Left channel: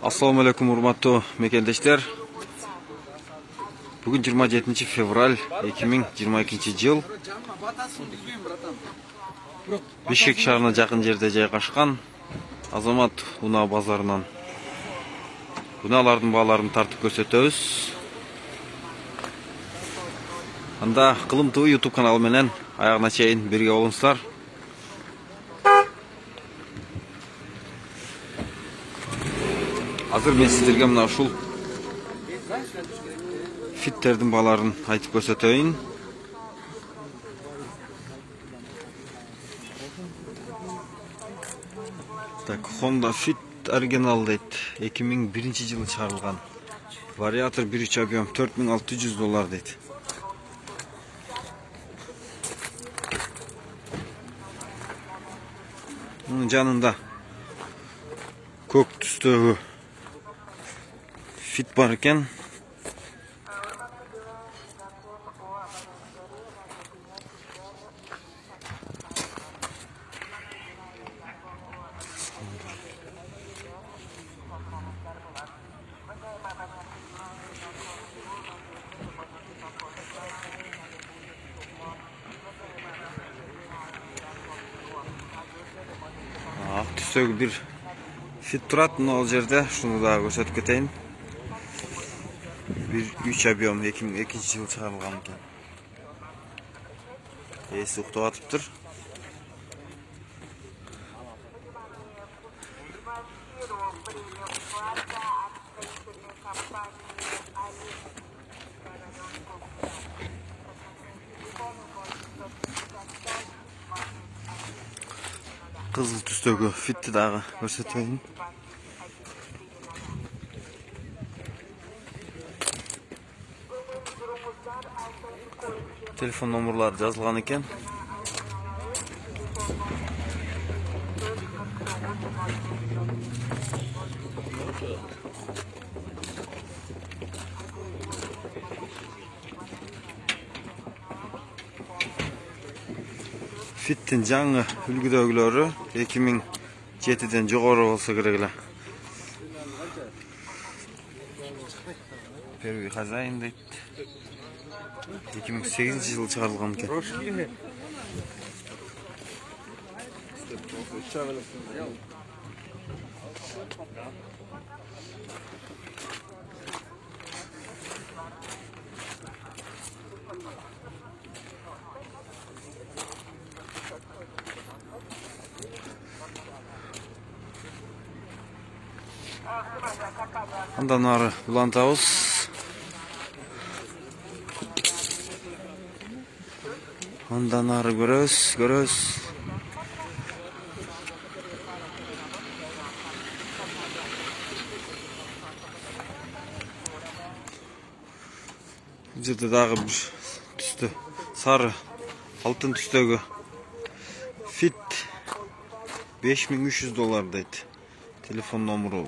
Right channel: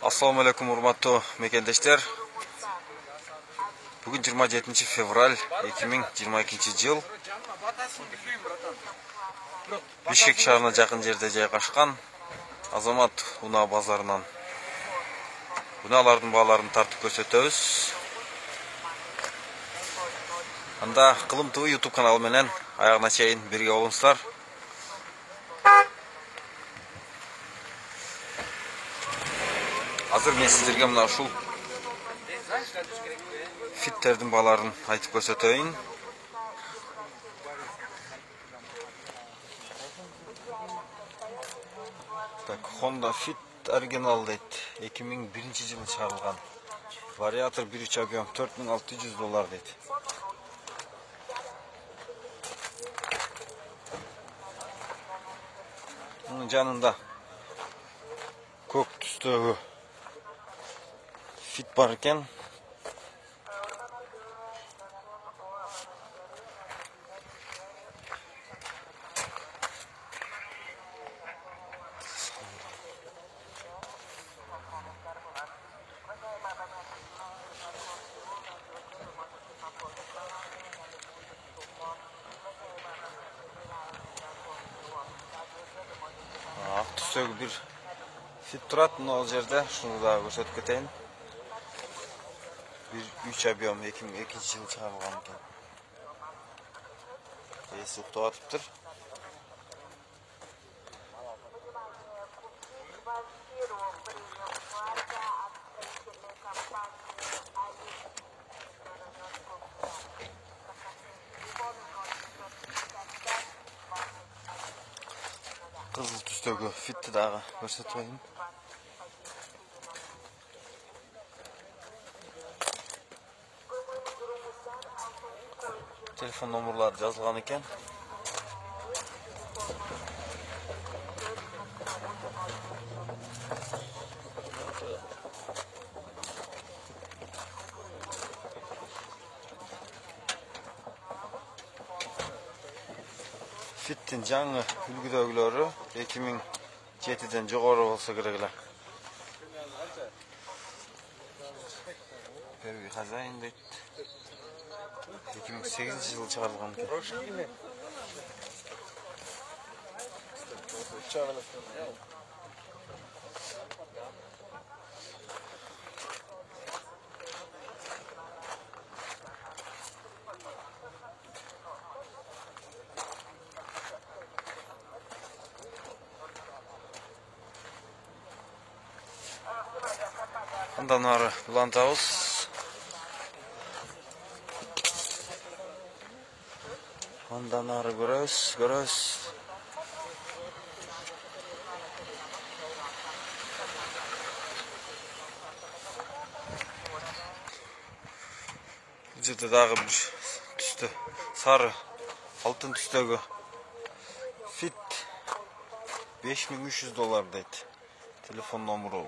Assalamu alaikum урматтуу мекендештер. Бүгүн 27 февраль 2022 жыл. Бишкек шаарына жакын жерде жайгашкан Азамат унаа базарынан унаалардын бааларын тартып көрсөтөбүз. Анда Кылым ТВ YouTube каналы менен аягына чейин бирге болуңуздар. Азыр мен сиздерге мына ушул фиттердин бааларын айтып көрсөтөйүн. Так, Honda Fit оригинал дейт. 2001 жылы чыгарылган. Вариатор 1.3 объем $4600 дейт. Мунун жанында көк түстөгү Fit бар экен. Ак түстөгү бир Fit турат, но ал жерде шуну да көрсөтүп кетейин. 1.3 объем 2002 жылы чыгарылган экен. Эси уктап атыптыр. Кызыл түстөгү Fitти дагы көрсөтөйүн. Telefon номерлары жазылган экен. Fittин жаңы үлгүдөгүлөрү 2007ден жогору болсо керек эле. Первый хозяин дейт. 2008 жылы чыгарылган экен. Андан ары улантабыз. Андан ары көрөбүз. Бул жерде дагы бир түстө сары алтын түстөгү Fit $5300 дейт. Телефон номеру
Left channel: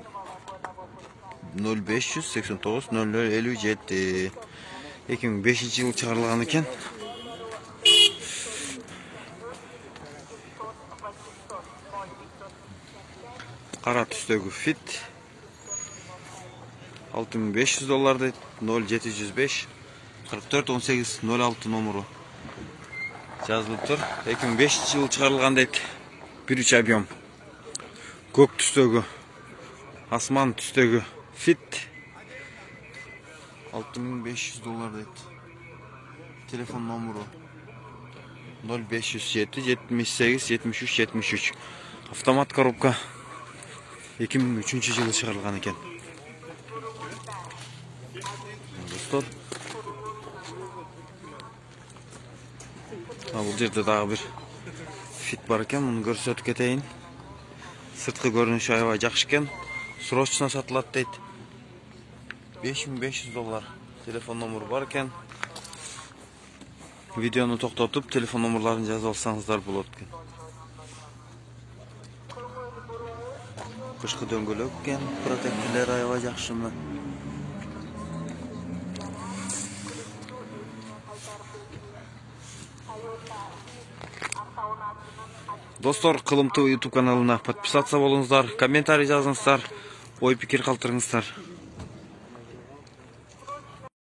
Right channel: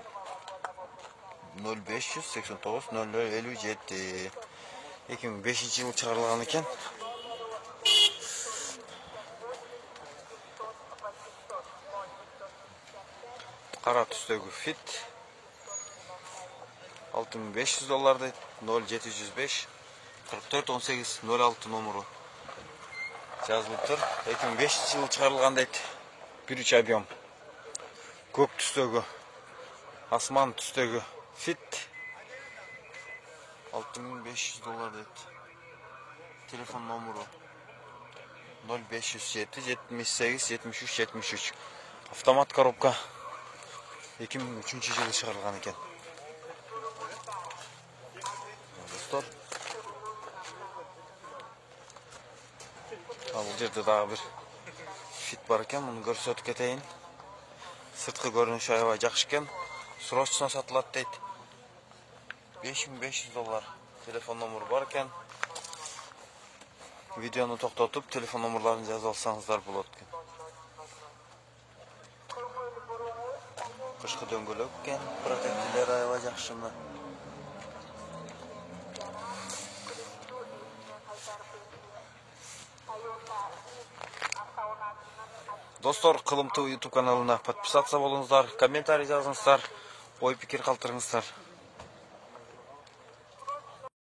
0589 0057. 2005 жылы чыгарылган экен. Кара түстөгү Fit $6500 дейт. 0705 44 18 06 номеру жазылып тур. 2005 жылы чыгарылган дейт. 1.3 объем. Көк түстөгү асман түстөгү Fit $6500 дейт. Телефон номеру 0507 78 73 73. Автомат коробка 2003 жылы чыгарылган экен. Достор, бул жерде дагы бир Fit бар экен, муну көрсөтүп кетейин. Сырткы көрүнүшү аябай жакшы экен. Срочно сатылат дейт. $5500. Телефон номеру бар экен. Видеону токтотуп, телефон номерларын жазып алсаңыздар болот экен. Кышкы дөңгөлөк экен, протектилер аябай жакшы мына. Достор, Кылым ТВ YouTube каналына подписаться болуңуздар, комментарий жазыңыздар. ой пикир калтырыңыздар.